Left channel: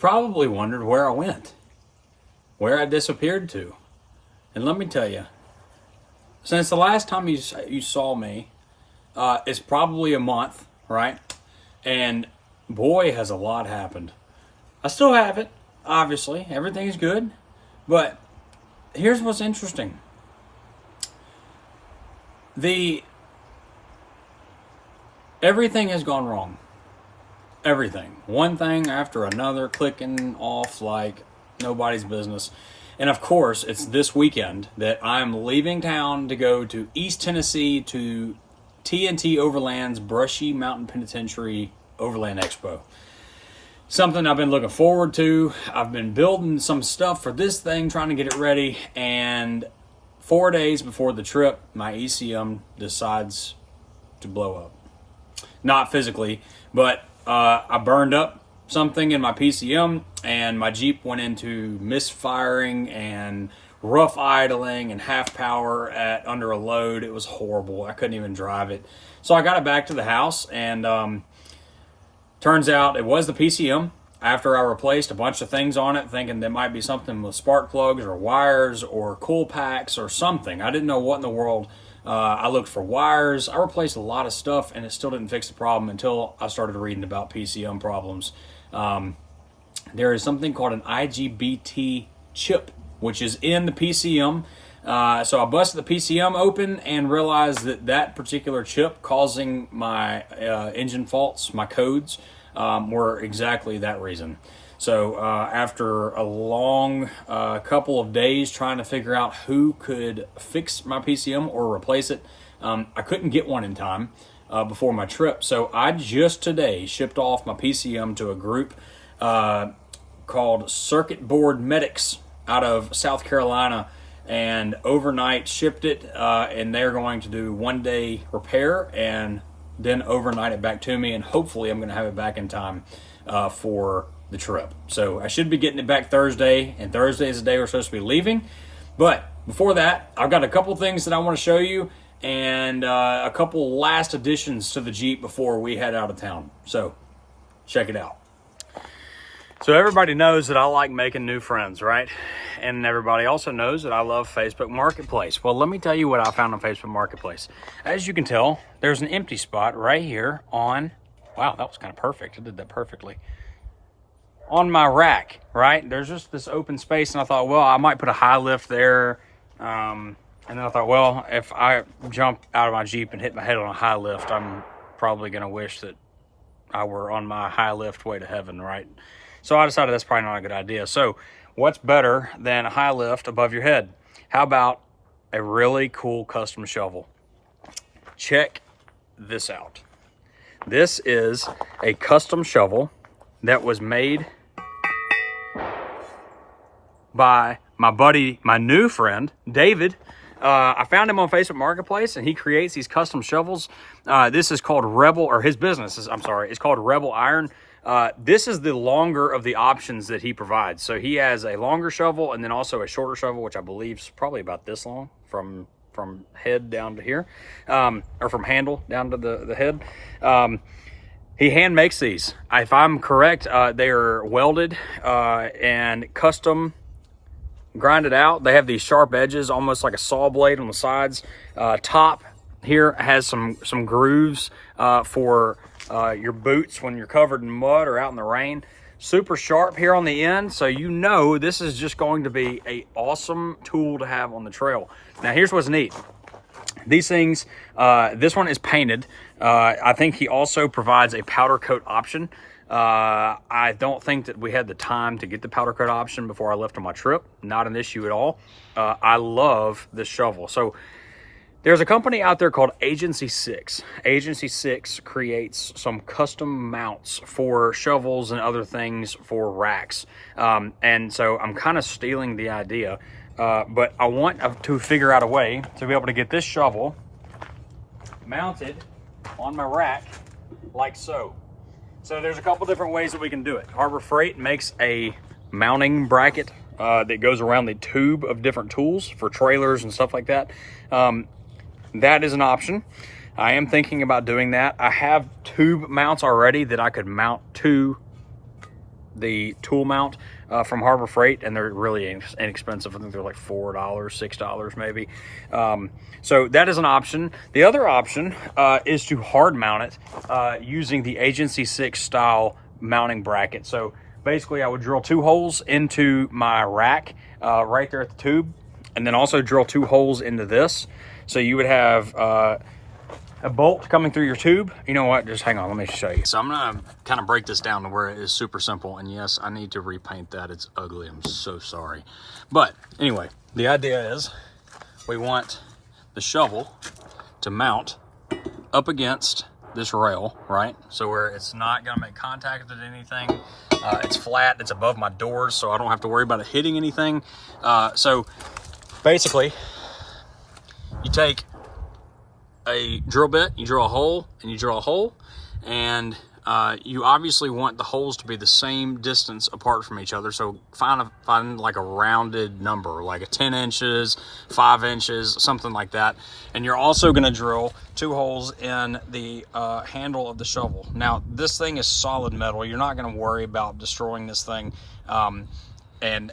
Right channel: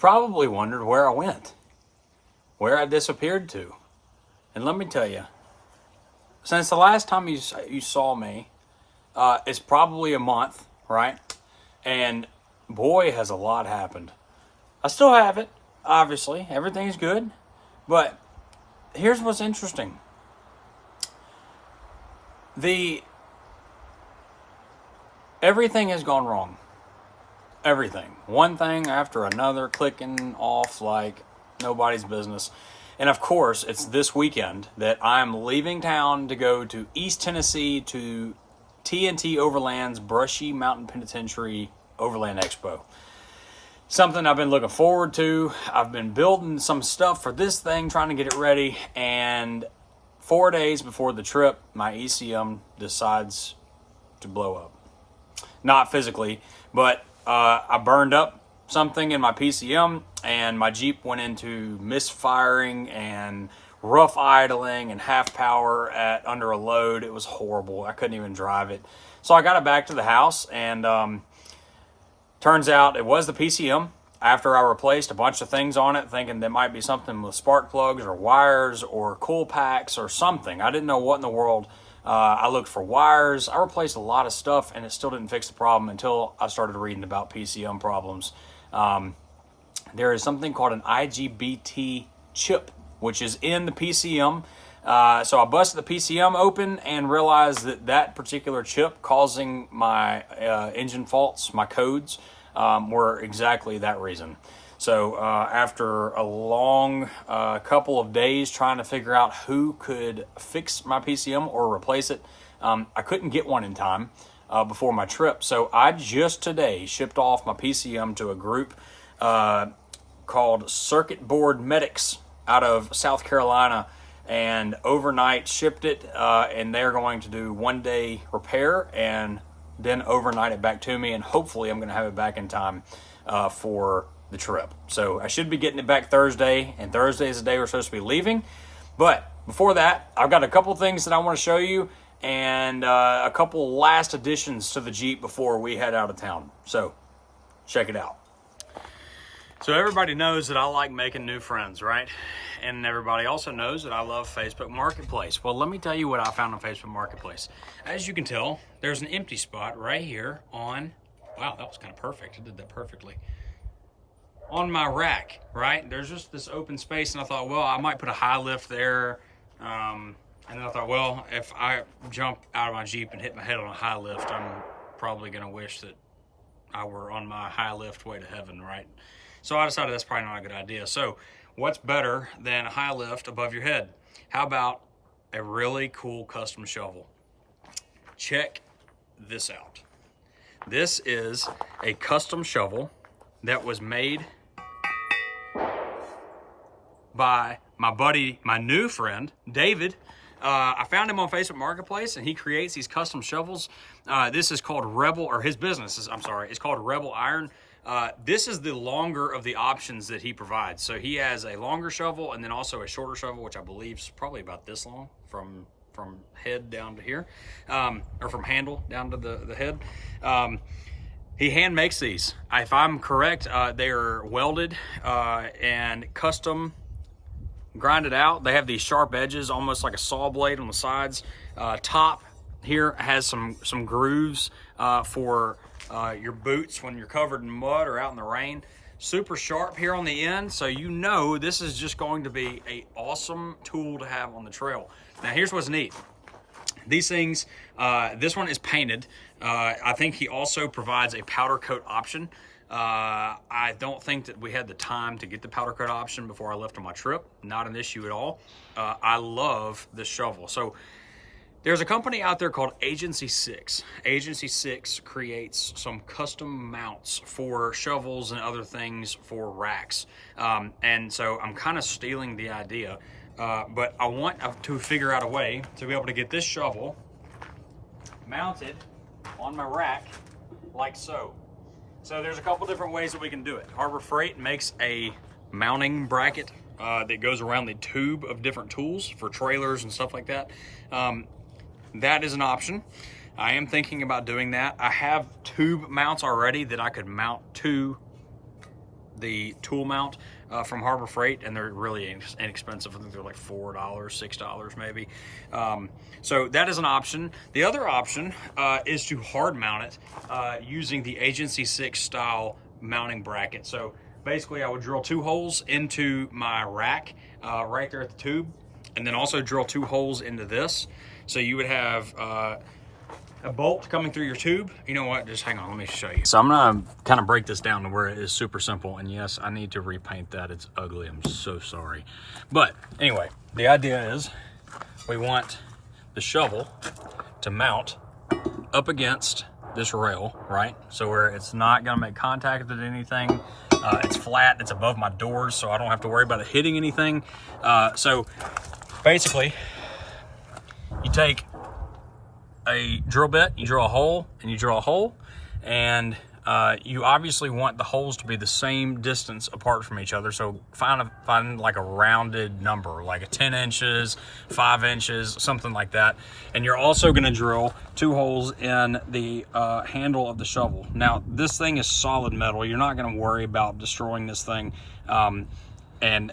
probably wondered where I went, where I disappeared to. And let me tell you, since the last time you saw me, it's probably a month, right? And boy, has a lot happened. I still have it, obviously. Everything's good. But here's what's interesting. Everything has gone wrong. Everything. One thing after another, clicking off like nobody's business. And of course, it's this weekend that I'm leaving town to go to East Tennessee to TNT Overland's Brushy Mountain Penitentiary Overland Expo. Something I've been looking forward to. I've been building some stuff for this thing, trying to get it ready. And 4 days before the trip, my ECM decides to blow up. Not physically, but I burned up something in my PCM, and my Jeep went into misfiring and rough idling and half power under a load. It was horrible. I couldn't even drive it. So I got it back to the house, and turns out it was the PCM. After I replaced a bunch of things on it, thinking there might be something with spark plugs or wires or cool packs or something. I didn't know what in the world. I looked for wires. I replaced a lot of stuff, and it still didn't fix the problem until I started reading about PCM problems. There is something called an IGBT chip, which is in the PCM. So I busted the PCM open and realized that particular chip causing my engine faults, my codes, were exactly that reason. So after a long couple of days trying to figure out who could fix my PCM or replace it, I couldn't get one in time before my trip. So I just today shipped off my PCM to a group called Circuit Board Medics out of South Carolina, and overnight shipped it, and they're going to do 1 day repair and then overnight it back to me, and hopefully I'm going to have it back in time for the trip. So I should be getting it back Thursday, and Thursday is the day we're supposed to be leaving. But before that, I've got a couple things that I want to show you, and a couple last additions to the Jeep before we head out of town. So check it out. So everybody knows that I like making new friends, right? And everybody also knows that I love Facebook Marketplace. Well, let me tell you what I found on Facebook Marketplace. As you can tell, there's an empty spot right here on, wow, that was kind of perfect. I did that perfectly. On my rack, right? There's just this open space, and I thought, well, I might put a high lift there. And then I thought, well, if I jump out of my Jeep and hit my head on a high lift, I'm probably going to wish that I were on my high lift way to heaven, right? So I decided that's probably not a good idea. So what's better than a high lift above your head? How about a really cool custom shovel? Check this out. This is a custom shovel that was made by my buddy, my new friend, David. I found him on Facebook Marketplace, and he creates these custom shovels. This is called Rebel, or his business is, it's called Rebel Iron. This is the longer of the options that he provides. So he has a longer shovel and then also a shorter shovel, which I believe is probably about this long from head down to here, or from handle down to the head. He hand makes these. If I'm correct, they are welded and custom grinded out. They have these sharp edges, almost like a saw blade on the sides. Top here has some grooves for your boots when you're covered in mud or out in the rain. Super sharp here on the end, so you know this is just going to be an awesome tool to have on the trail. Now here's what's neat. These things, this one is painted. I think he also provides a powder coat option. I don't think that we had the time to get the powder coat option before I left on my trip. Not an issue at all. I love this shovel. So there's a company out there called Agency 6. Agency 6 creates some custom mounts for shovels and other things for racks. And so I'm kind of stealing the idea, but I want to figure out a way to be able to get this shovel mounted on my rack like so. So there's a couple different ways that we can do it. Harbor Freight makes a mounting bracket that goes around the tube of different tools for trailers and stuff like that. That is an option. I am thinking about doing that. I have tube mounts already that I could mount to the tool mount from Harbor Freight, and they're really inexpensive. I think they're like $4, $6 maybe. So that is an option. The other option is to hard mount it using the Agency 6 style mounting bracket. So basically I would drill 2 holes into my rack right there at the tube, and then also drill 2 holes into this. So you would have a bolt coming through your tube. You know what, just hang on, let me show you. So I'm gonna kind of break this down to where it is super simple. And yes, I need to repaint that. It's ugly, I'm so sorry. But anyway, the idea is we want the shovel to mount up against this rail, right? So where it's not gonna make contact with anything. It's flat, it's above my doors, so I don't have to worry about it hitting anything. So basically, you take a drill bit, you drill a hole, and you drill a hole, and you obviously want the holes to be the same distance apart from each other. So find like a rounded number, like a 10 inches, 5 inches, something like that. And you're also going to drill 2 holes in the handle of the shovel. Now, this thing is solid metal. You're not going to worry about destroying this thing, and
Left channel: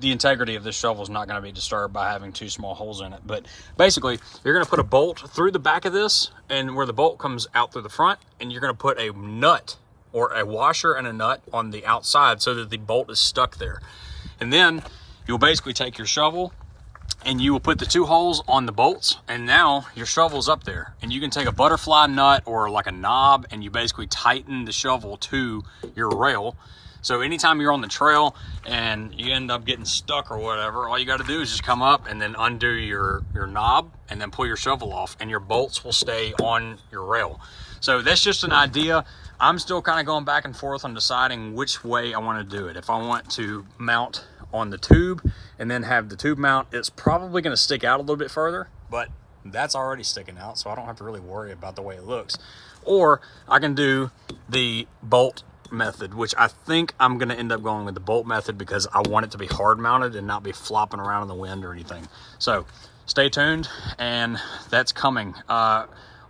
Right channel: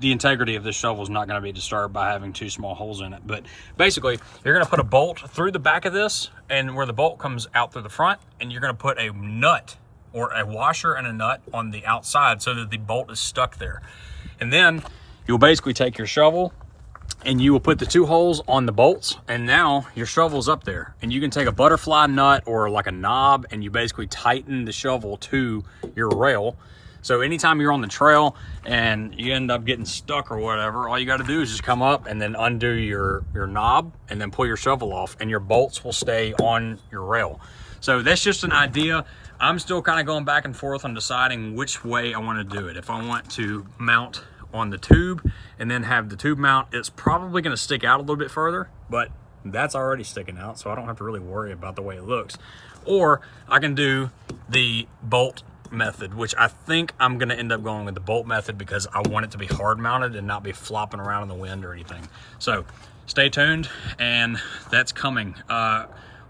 the integrity of this shovel is not going to be disturbed by having 2 small holes in it. But basically, you're going to put a bolt through the back of this, and where the bolt comes out through the front, and you're going to put a nut or a washer and a nut on the outside so that the bolt is stuck there. And then you'll basically take your shovel and you will put the 2 holes on the bolts, and now your shovel's up there. And you can take a butterfly nut or like a knob, and you basically tighten the shovel to your rail. So anytime you're on the trail and you end up getting stuck or whatever, all you got to do is just come up and then undo your knob and then pull your shovel off, and your bolts will stay on your rail. So that's just an idea. I'm still kind of going back and forth on deciding which way I want to do it. If I want to mount on the tube and then have the tube mount, it's probably going to stick out a little bit further, but that's already sticking out, so I don't have to really worry about the way it looks. Or I can do the bolt method, which I think I'm going to end up going with the bolt method because I want it to be hard mounted and not be flopping around in the wind or anything. So stay tuned, and that's coming.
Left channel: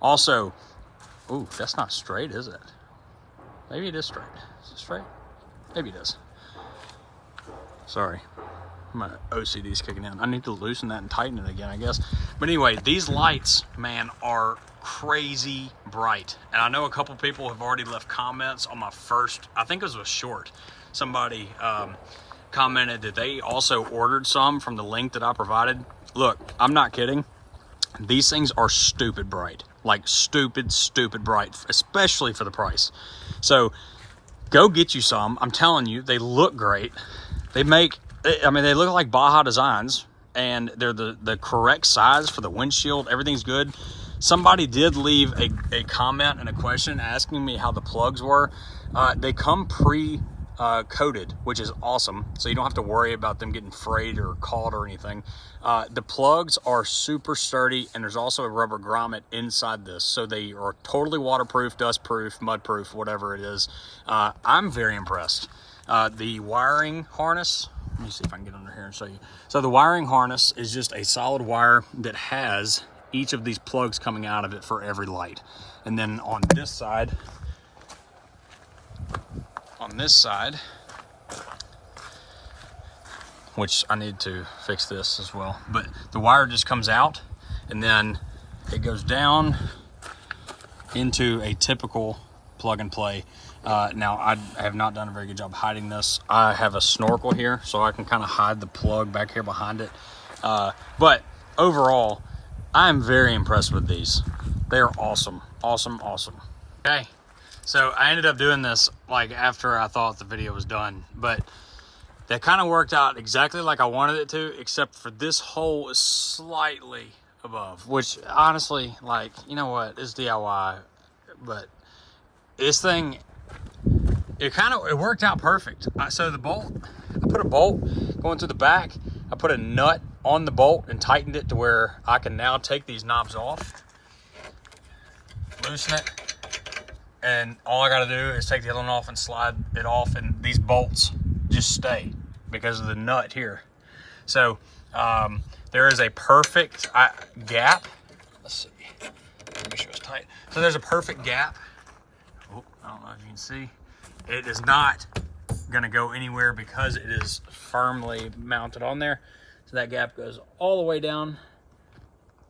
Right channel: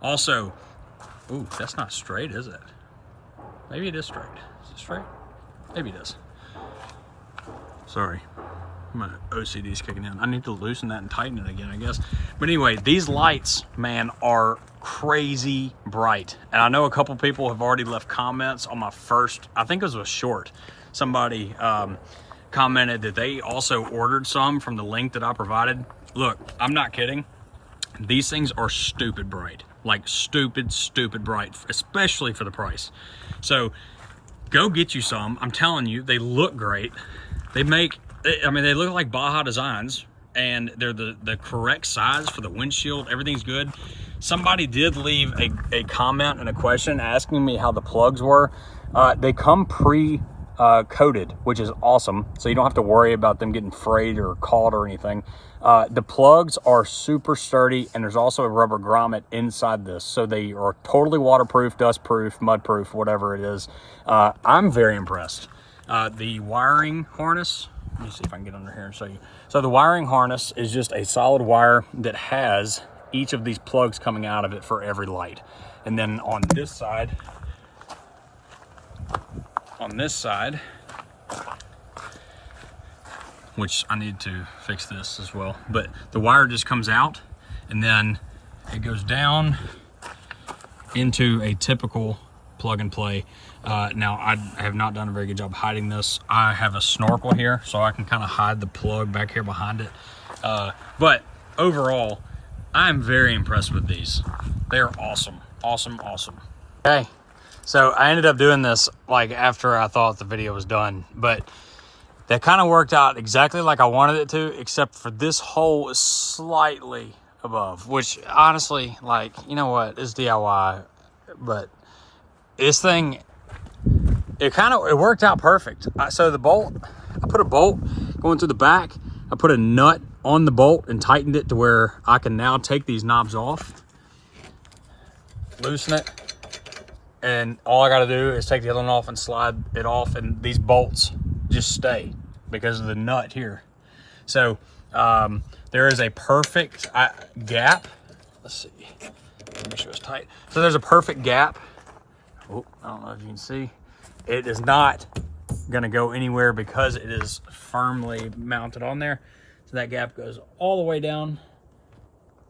Also, ooh, that's not straight, is it? Maybe it is straight. Is it straight? Maybe it is. Sorry, my OCD's kicking in. I need to loosen that and tighten it again, I guess. But anyway, these lights, man, are crazy bright. And I know a couple people have already left comments on my first, I think it was a short. Somebody commented that they also ordered some from the link that I provided. Look, I'm not kidding. These things are stupid bright. Like stupid bright, especially for the price. So go get you some. I'm telling you, they look great. They look like Baja Designs, and they're the correct size for the windshield. Everything's good. Somebody did leave a comment and a question asking me how the plugs were. They come pre-coated, which is awesome. So you don't have to worry about them getting frayed or caught or anything. The plugs are super sturdy, and there's also a rubber grommet inside this. So they are totally waterproof, dustproof, mudproof, whatever it is. I'm very impressed. The wiring harness, let me see if I can get under here and show you. So the wiring harness is just a solid wire that has each of these plugs coming out of it for every light. And then on this side, which I need to fix this as well, but the wire just comes out and then it goes down into a typical plug and play. Now I have not done a very good job hiding this. I have a snorkel here so I can kind of hide the plug back here behind it. But overall, I'm very impressed with these. They're awesome. Okay, so I ended up doing this like after I thought the video was done, but that kind of worked out exactly like I wanted it to, except for this hole is slightly above, which honestly, like, you know what, it's DIY, but this thing, it worked out perfect. So the bolt, I put a bolt going through the back, I put a nut on the bolt and tightened it to where I can now take these knobs off, loosen it, and all I got to do is take the other one off and slide it off, and these bolts just stay because of the nut here. So there is a perfect gap. Let's see, make sure it's tight. So there's a perfect gap. Oh, I don't know if you can see. It is not gonna go anywhere because it is firmly mounted on there. So that gap goes all the way down.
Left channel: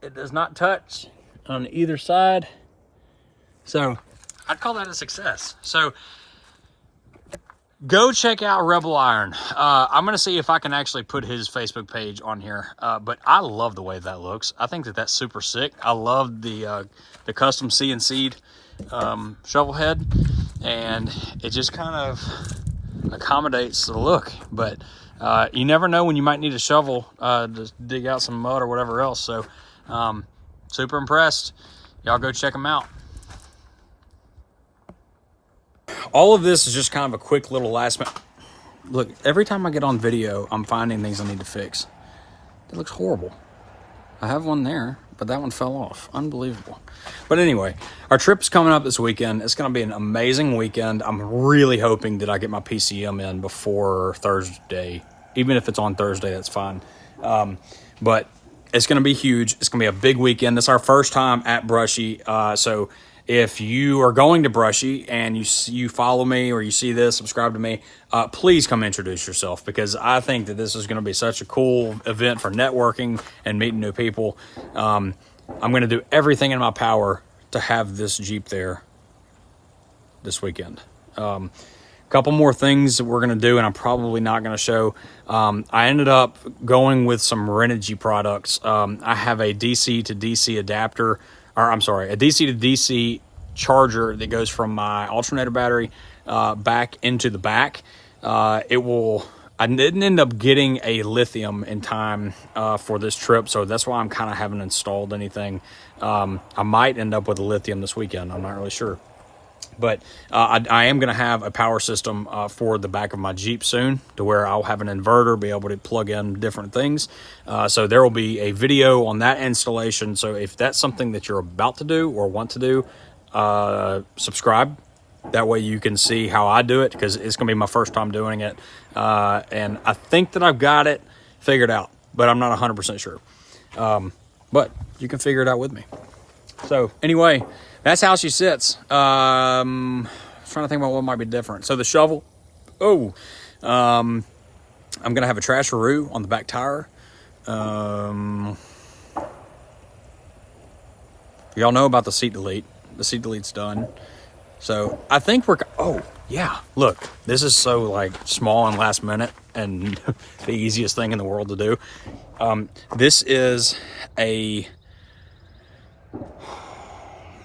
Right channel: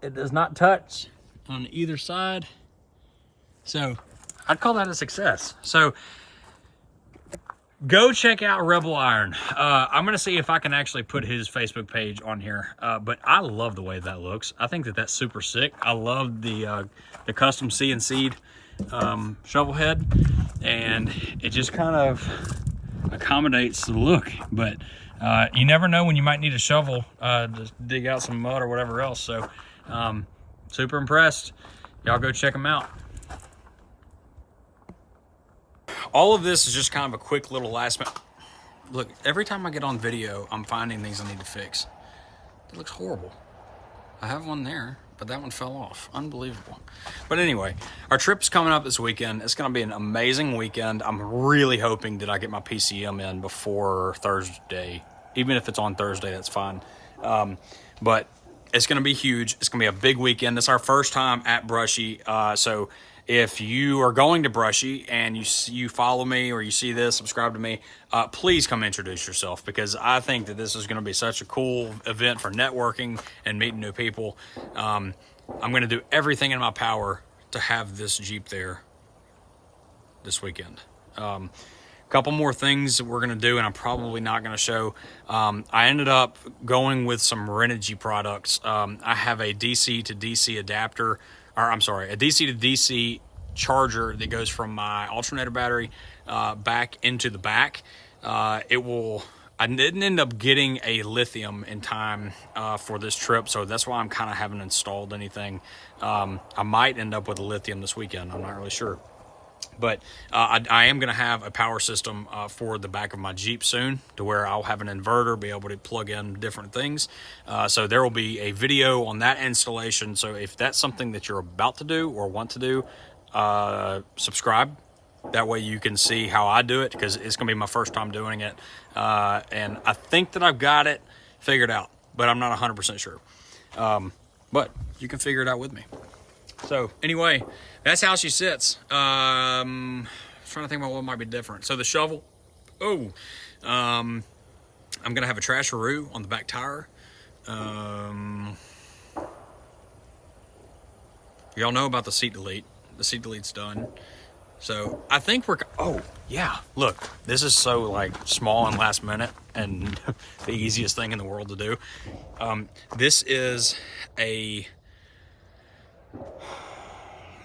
It does not touch on either side. So I'd call that a success. So go check out Rebel Iron. I'm gonna see if I can actually put his Facebook page on here. But I love the way that looks. I think that that's super sick. I love the custom CNC'd shovel head, and it just kind of accommodates the look. But you never know when you might need a shovel to dig out some mud or whatever else. So super impressed. Y'all go check them out. All of this is just kind of a quick little last minute. Look, every time I get on video, I'm finding things I need to fix. It looks horrible. I have one there, but that one fell off. Unbelievable. But anyway, our trip's coming up this weekend. It's going to be an amazing weekend. I'm really hoping that I get my PCM in before Thursday. Even if it's on Thursday, that's fine. But it's going to be huge. It's going to be a big weekend. It's our first time at Brushy. So if you are going to Brushy and you follow me or you see this, subscribe to me, please come introduce yourself, because I think that this is going to be such a cool event for networking and meeting new people. I'm going to do everything in my power to have this Jeep there this weekend. Couple more things that we're going to do, and I'm probably not going to show. I ended up going with some Renogy products. I have a DC to DC adapter, or I'm sorry, a DC to DC charger that goes from my alternator battery back into the back. I didn't end up getting a lithium in time for this trip, so that's why I'm kind of haven't installed anything. I might end up with a lithium this weekend. I'm not really sure. But I am going to have a power system for the back of my Jeep soon, to where I'll have an inverter, be able to plug in different things. So there will be a video on that installation. So if that's something that you're about to do or want to do, subscribe. That way you can see how I do it, because it's going to be my first time doing it. And I think that I've got it figured out, but I'm not 100% sure. But you can figure it out with me. So anyway, that's how she sits. Trying to think about what might be different. So the shovel. I'm gonna have a trasheroo on the back tire. Y'all know about the seat delete. The seat delete's done. So I think we're. Oh yeah, look, this is so like small and last minute and the easiest thing in the world to do. This is a.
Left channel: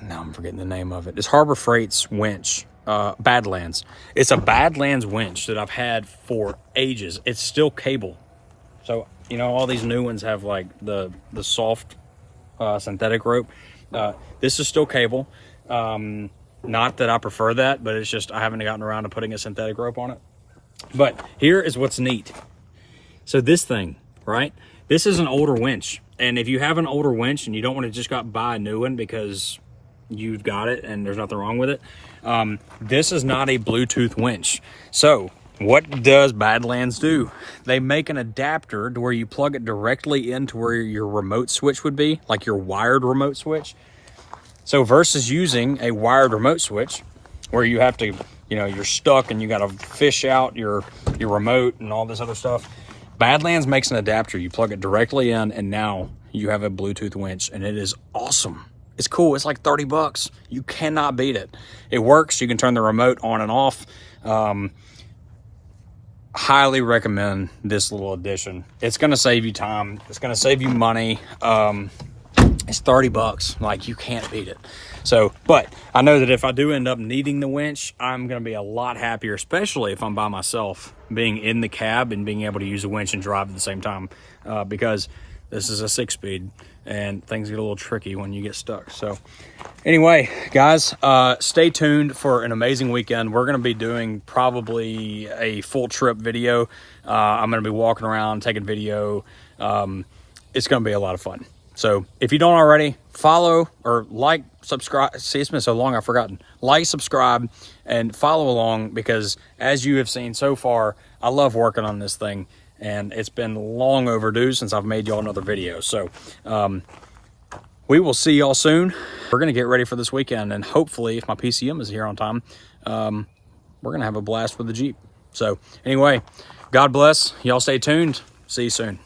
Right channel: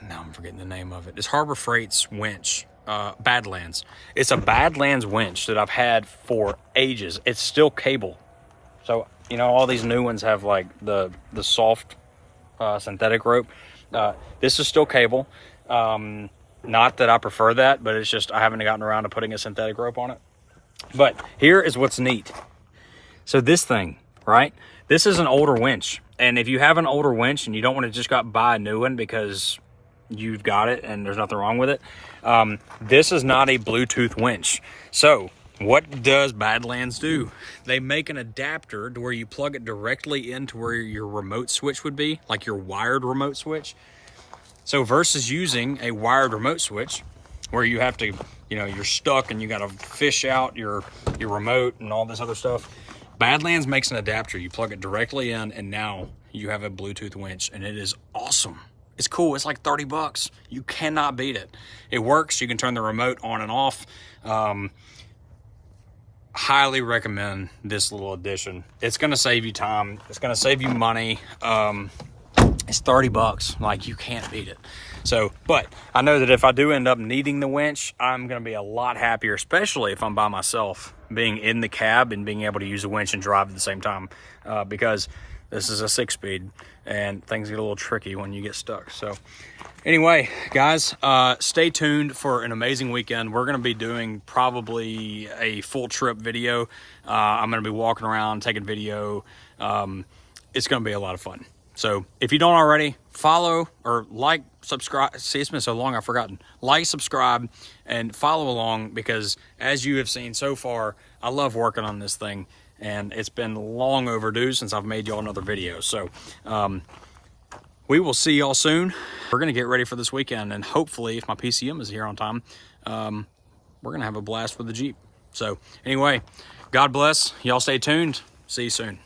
Now I'm forgetting the name of it. It's Harbor Freight's winch, Badlands. It's a Badlands winch that I've had for ages. It's still cable. So, you know, all these new ones have like the soft synthetic rope. This is still cable. Not that I prefer that, but it's just I haven't gotten around to putting a synthetic rope on it. But here is what's neat. So this thing, right? This is an older winch. And if you have an older winch and you don't want to just go out and buy a new one because you've got it and there's nothing wrong with it, this is not a Bluetooth winch. So what does Badlands do? They make an adapter to where you plug it directly into where your remote switch would be, like your wired remote switch. So versus using a wired remote switch where you have to, you know, you're stuck and you got to fish out your remote and all this other stuff, Badlands makes an adapter. You plug it directly in, and now you have a Bluetooth winch, and it is awesome. It's cool. It's like 30 bucks. You cannot beat it. It works. You can turn the remote on and off. Highly recommend this little addition. It's going to save you time. It's going to save you money. It's 30 bucks. Like, you can't beat it. So, but I know that if I do end up needing the winch, I'm going to be a lot happier, especially if I'm by myself, being in the cab and being able to use a winch and drive at the same time, because this is a 6-speed and things get a little tricky when you get stuck. So anyway, guys, stay tuned for an amazing weekend. We're going to be doing probably a full trip video. I'm going to be walking around, taking video. It's going to be a lot of fun. So if you don't already, follow or like, subscribe. See, it's been so long I've forgotten. Like, subscribe, and follow along, because as you have seen so far, I love working on this thing, and it's been long overdue since I've made y'all another video. So we will see y'all soon. We're going to get ready for this weekend, and hopefully, if my PCM is here on time, we're going to have a blast with the Jeep. So anyway, God bless. Y'all stay tuned. See you soon.